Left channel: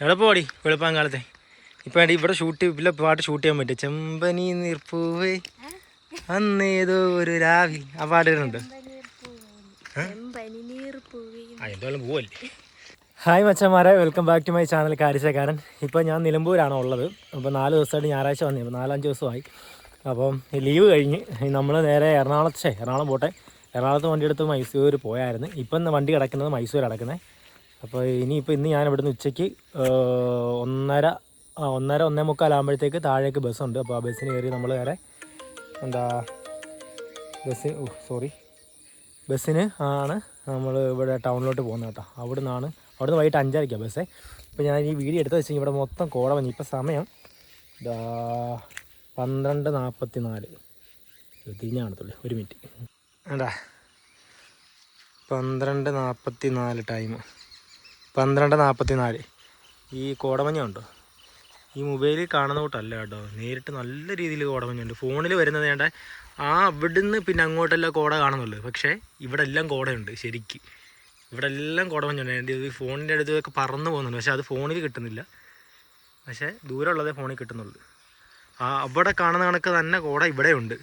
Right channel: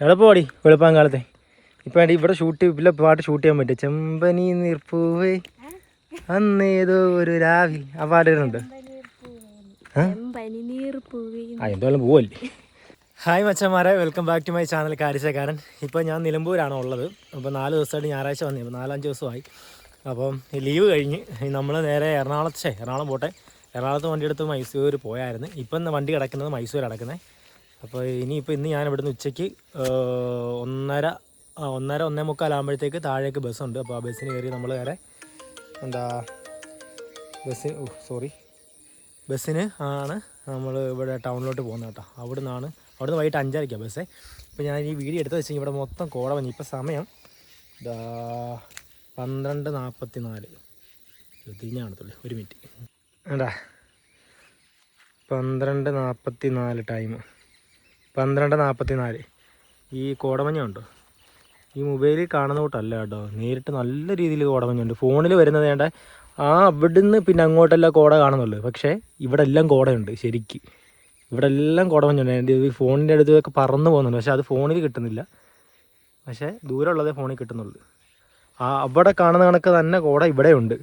എളുപ്പമാടി വെളുപ്പാൻ കാലത്തെ ഇപ്പം ഇവിടെ ഷൂട്ട് ഇല്ല പാട്ട് ഷൂട്ട് ചെയ്യാൻ പറ്റും ചെമ്പനി നീർപ്പൂവേ. അന്നേതോ ഒരു രാവിൽ ആ പാട്ട് വരുന്നുണ്ട് ആ? എന്തായാലും പോവല്ലേ? ഹായ് മച്ചന്മാരെ welcome back to my channel കാരിച്ചക്കാരൻ ഇപ്പോൾ ഞാൻ നിലമ്പൂരാണ് ഉള്ളത്. അപ്പോൾ നാല് ദിവസമായിട്ട് ഞായറാഴ്ച വന്നു ഇപ്പോൾ നാലഞ്ച് ദിവസമായി. അപ്പം ലീവ് കഴിഞ്ഞ് നമ്മൾ നേരെ എറണാകുളത്തെ എറണാകുളം പോട്ടെ. എറണാകുളത്ത് വണ്ടി എടുത്ത് മൈസൂർ പോയായിരുന്നു. ഇപ്പം വണ്ടി കിടക്കുന്നത് മൈസൂർ കിടക്കുന്നത്. അപ്പോൾ ഇനിയിപ്പോൾ ഇന്ന് ഞാൻ ഇവിടുന്ന് ഉച്ചയ്ക്ക് ഒന്നര ഒന്നര ഒന്നേ മുക്കാലാകുമ്പോഴത്തേക്ക് താഴേക്ക് ബസ്സുണ്ട്. അപ്പോൾ ആ ബസ്സിന് കയറി നമ്മൾ നേരെ എന്താ ബസ് സോറി. ബസ്സിന് ആണ് നമ്മൾ ഇവിടെ ടൗണിലോട്ട് പോകുന്നത് കേട്ടോ. അവിടെ നിന്നാണ് അവിടെ നിന്ന് വൈകിട്ട് അഞ്ചരയ്ക്കാണ് ബസ്സേ. ഇപ്പോൾ ഞാൻ ഈ വീഡിയോ എടുത്ത് വെച്ചാൽ ഇവിടെ മൊത്തം കോട വന്നു. ഇപ്പോൾ സമയം പന്ത്രണ്ട് നാൽപ്പത്തി നാല് തിരിഞ്ഞാണത്തുള്ളൂ ഒരു മിനിറ്റ്. വേണ്ടാ പന്ത്രണ്ട് നാൽപ്പത്തി നാല് ടൈം പന്ത്രണ്ട് നാൽപ്പത്തി നാല് ഈ കോടമഞ്ഞുണ്ടോ? ഈ മൊബൈലിൽ കാണുന്ന കൂട്ടല്ല കേട്ടോ. നേരിട്ട് നല്ല രീതിയിൽ കോടമഞ്ഞുണ്ട്. ഫോണിൽ വരുന്നത് വേണ്ട ആ അവിടുന്ന് പിന്നെ അങ്ങോട്ടെല്ലാം കോട കാണുന്നുള്ളൂ. പക്ഷേ ഇവിടെ എല്ലാം കോടയുണ്ട് ശരിക്ക്. ഇവിടെ എല്ലാം കോടമഞ്ഞുണ്ട്. എന്റെ ഈ ഫോണിന്റെ അടുത്തൊക്കെ പറന്ന് പോകുന്നുണ്ട്. പക്ഷേ അത് ഫോണിൽ കിട്ടുന്നില്ല. പക്ഷേ ദൂരമുള്ളതേ ഫോണിൽ കിട്ടുന്നുള്ളൂ. ആ അവിടെ കാണുന്ന കണക്ക് തന്നെ കോട ഇവിടെ ഉണ്ട്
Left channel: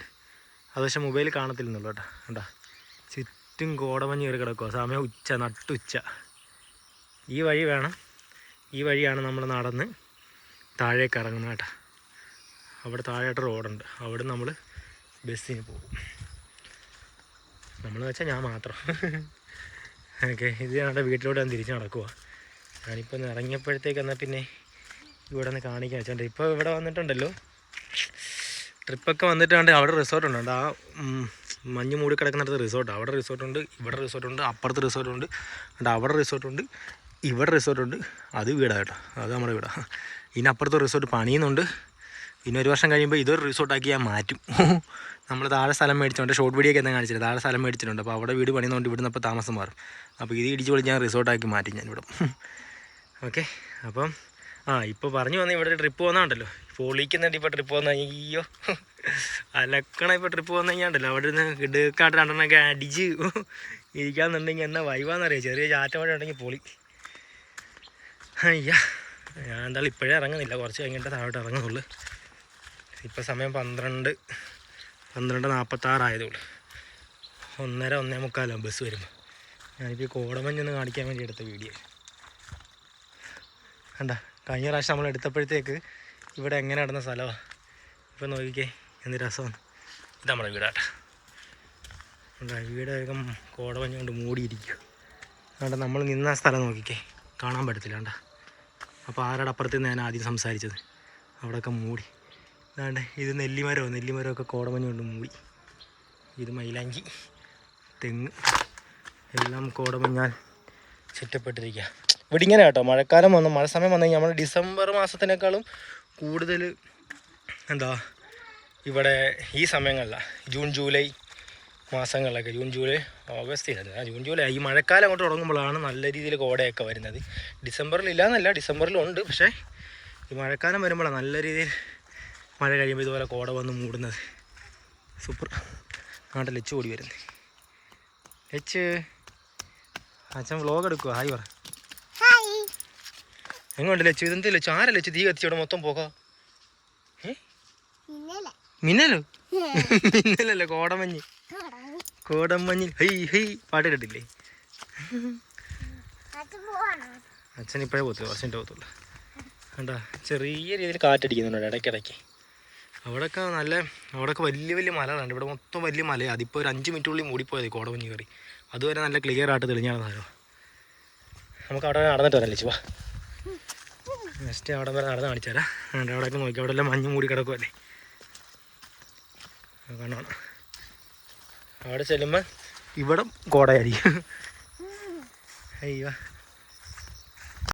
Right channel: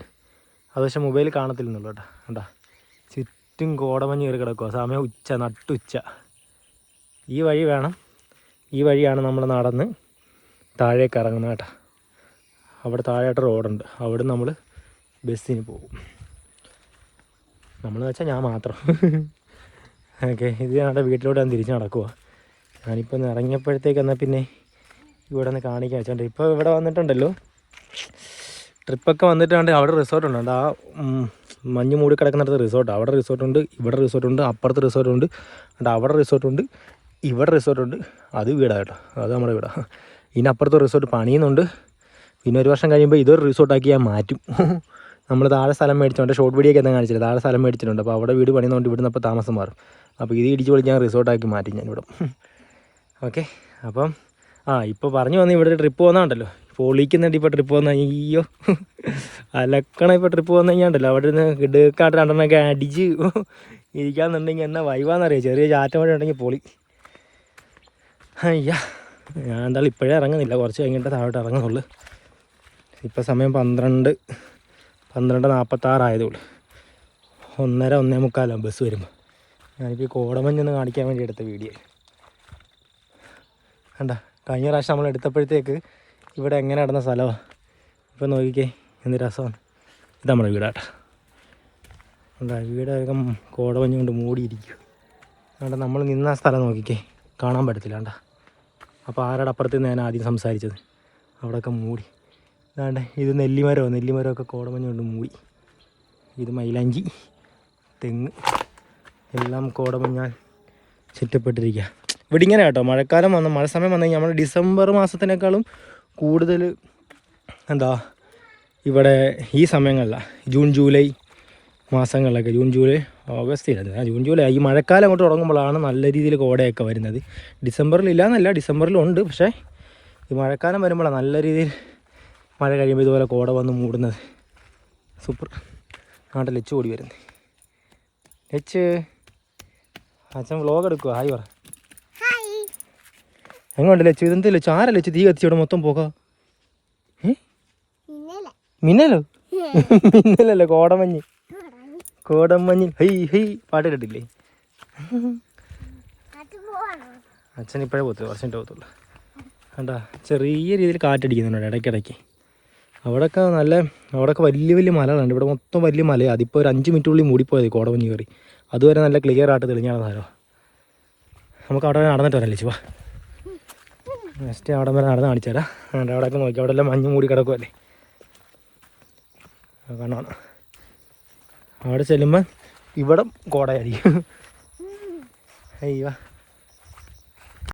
അത് പക്ഷേ മൊബൈലിൽ കാണത്തില്ലെന്നുള്ളൂ കേട്ടോ. കേട്ടോ ചുറ്റും കോടമഞ്ഞ് കയറി കിടക്കുക സമയം ഉച്ച നട്ടുച്ച. ഈ വഴി വേണം. ഈ വഴിയാണ് നമ്മൾ നടന്ന് താഴേക്ക് ഇറങ്ങുന്നത് കേട്ടോ. അവിടെ താഴെയായിട്ട് റോഡുണ്ട്. അവിടെ നമ്മൾ ബസ്സിന് പോകും. നമ്മൾ വെച്ചാൽ ഞാൻ മാത്രം. ഓക്കെ ഇത് ഞങ്ങളുടെ വീട്ടിലോട്ട് ഞാൻ തിരിച്ച് നടക്കുക ഞാനിപ്പോൾ ഒന്ന് ഇറങ്ങിയപ്പോഴത്തേക്ക് എന്നാൽ പിന്നെ ഇവിടെ നിന്ന് കാണിക്കാൻ വെച്ചോണ്ട് ഇപ്പോൾ ഇവിടെ വന്നിട്ടുണ്ടല്ലോ. ട്രിപ്പൊക്കെ വന്നിട്ടുണ്ട് അവിടെ റിസോർട്ട് ഉണ്ട്. ആ മഞ്ഞ് മൂടി കിടക്കുന്നിടത്ത് റിസോർട്ട് അവിടെ റിസോർട്ടുണ്ട് ഇവിടെ റിസോർട്ടുണ്ട് അപ്പുറത്ത് റിസോർട്ടുണ്ട് അവിടെ റിസോർട്ടുണ്ട് ഇവിടെ റിസോർട്ടുണ്ട് അത് വീടാണ് കേട്ടോ. അത് നമ്മുടെ വീടാണ് ഇനി അപ്പുറത്ത് റിസോർട്ട് പണിയുന്നുണ്ട്. പിന്നെ ഒരു വർഷം കഴിയുമ്പോൾ ഇതൊരു റിസോർട്ടാക്കി ഞാൻ മാറ്റും. നമ്മൾ താഴെ സ്ഥലം മേടിച്ചിട്ടുണ്ട് ഷോർട്ട് വീഡിയോ ഒക്കെ എന്താ കാണിച്ചില്ല താഴെ സ്ഥലം മേടിച്ചിട്ടുണ്ട്. അപ്പോൾ അവിടെ വീട് പണിയുന്നതുകൊണ്ട് ഇവിടുന്ന് അപ്പോൾ താമസം മാറും. അപ്പോൾ ഇത് ഇടിച്ച് പൊളിച്ച് ഞാൻ റിസോർട്ടാക്കി മാറ്റി ഞാൻ ഇവിടെ. ഓക്കെ അപ്പം ആ ഇപ്പോൾ പറഞ്ഞു വന്ന് ഇവിടെ ട്രിപ്പ് പോകുന്നുണ്ടല്ലോ പൊളിക്കുന്നുണ്ട് ഇപ്പോൾ ട്രിപ്പ് പോകുന്ന അയ്യോ. അലക്കണ ഇപ്പോൾ ട്രിപ്പ് പോകുന്ന കഴിഞ്ഞാണ്ടല്ലോ അവിടെ നിന്ന് ഇടുക്കാട്ട് രണ്ടെണ്ണമൊക്കെ അടിച്ച് ഇരിക്കാന്നുണ്ടെങ്കിൽ എന്നാ വൈവാന്നറിയാം? ചെറിയ ചാറ്റം വഴി ഉണ്ടെങ്കിൽ പൊളി. അയ്യ. ഞാൻ എന്തായാലും ഇപ്പോഴേ ഇറങ്ങുന്നില്ല. കുറച്ച് കഴിഞ്ഞിട്ട് താഴോട്ട് ഇറങ്ങുന്നുള്ളൂ. ഇപ്പോൾ സമയം പന്ത്രണ്ട് പന്ത്രണ്ട് നാൽപ്പത്താറായതുള്ളൂ ഒന്നര ഒന്നേ മുക്കാലാണ് ബസ് വരുമ്പോൾ ഞാനിപ്പോൾ ഈ കോടമഞ്ഞൊന്ന് കാണിക്കാൻ വേണ്ടി എടുത്ത വീഡിയോ. കണ്ട? കഴിഞ്ഞ പ്രാവശ്യം നമ്മൾ എടുത്തപ്പോഴത്തേക്ക് ഇവിടെ എങ്ങനെ നടന്ന സ്ഥലമാണ് ഇപ്പം നോക്കിക്കേ എന്ത് രസമാണ്. ഇത് നമ്മുടെ വീടാട്ട കണ്ട വീടൊക്കെ കോടമഞ്ഞ് കൊണ്ട് മൂടിയിരിക്കും കണ്ട നമ്മൾ നിന്ന സ്ഥലം നോക്കിക്കേ. കാണാൻ പറ്റത്തില്ല കണ്ട. അപ്പോൾ ആരുടെ അപ്പുറത്ത് ഞാൻ ആദ്യം സംസാരിച്ചത്? അവിടെയൊക്കെ മൂടി. അതാണ്ട് ഇത് നെല്ലിമരോ? നെല്ലിമരമൊക്കെ കോടമഞ്ഞ് കൊണ്ട് മൂടി. ഇത് മൈലാഞ്ചി തെങ്ങ് എല്ലാം കോടമഞ്ഞാൽ ചുറ്റപ്പെട്ടിരിക്കുക ഇവിടെ ഇങ്ങനെ കേട്ടോ മഴക്കാലം വന്ന മഴ സമയം വന്നു കഴിഞ്ഞാൽ നമ്മൾ ഡിസംബർ മാസത്തിനേക്കാളും കൂടുതൽ എന്താ ഇവിടെ ഈ സമയങ്ങളിലാണ് ജൂൺ ജൂലൈ മാസങ്ങളിലൊക്കെ ജൂൺ ജൂലൈ ഓഗസ്റ്റിലാണ് ജൂൺ ജൂലൈ. ഈ മഴക്കാലം അങ്ങോട്ട് തുടങ്ങുമ്പോഴാണ് നല്ല രീതിയിൽ കോടയൊക്കെ വരുന്നത്. ഡിസംബറിൽ ഇല്ല എന്നല്ല ഡിസംബറിലുണ്ട്. പക്ഷേ ഈ മഴക്കാലം വരുമ്പോഴാണ് നല്ല രീതിയിൽ മഴ കഴിയുമ്പോൾ ഇതുപോലെ കോട വന്ന് മൂടുന്നത്. സൂപ്പർ. അങ്ങോട്ട് ലച്ച് ഓടി വരുന്നത്. ലച്ച് അച്ഛൻ വ്ലോഗ് എടുക്കുക ഹായ് പറ. എങ്ങോട്ട് ലച്ചു ഇതെന്ത് ലച്ചു ആരാ ലച്ചു തീ കത്തിച്ചോടെ മൊത്തം പോകാം. മിന്നലോ? മിന്നലല്ലേ? കോടമഞ്ഞ്. കോടമഞ്ഞ്. ഹൈ ഹൈ. പാട്ട് കേട്ടിട്ടില്ലേ? അച്ഛൻ ഇപ്പോഴേ പോകത്തില്ല കുറച്ച് കഴിഞ്ഞിട്ട് പോകത്തുള്ളൂ. കണ്ടാ? ചെറിയ രീതിയിൽ കാറ്റടിക്കുന്നുണ്ട് ഇടയ്ക്കിടയ്ക്ക്. അവിടെയൊക്കെ നല്ല അവിടെയൊക്കെ വലിയ വലിയ മലകളുണ്ട് ഇവിടെ മൊത്തം വലിയ മലയാണ് അതിപ്പോൾ ഒരു അഞ്ച് മിനിറ്റ് മിനിറ്റുള്ളിൽ മൂടിപ്പോയത് കോടമഞ്ഞ് കയറി. അതുവരെ നല്ല ക്ലിയർ ആയിട്ട് തെളിഞ്ഞാണ് സാധനം നമുക്ക് അവിടെ നടന്നിട്ടല്ലേ ചുവാ നെക്സ്റ്റ് അവിടെ വരെ നടന്ന് കാണിച്ചു തരാം. അവിടെ അവിടെയൊക്കെ നോക്കി. അവിടെ എല്ലാം മഞ്ഞ് മൂടി കിടക്കുമല്ലേ കാണാം അവിടെ ചെല്ലുമ്പോൾ ഇവിടെ കോടയായിരിക്കും. അയ്യോ.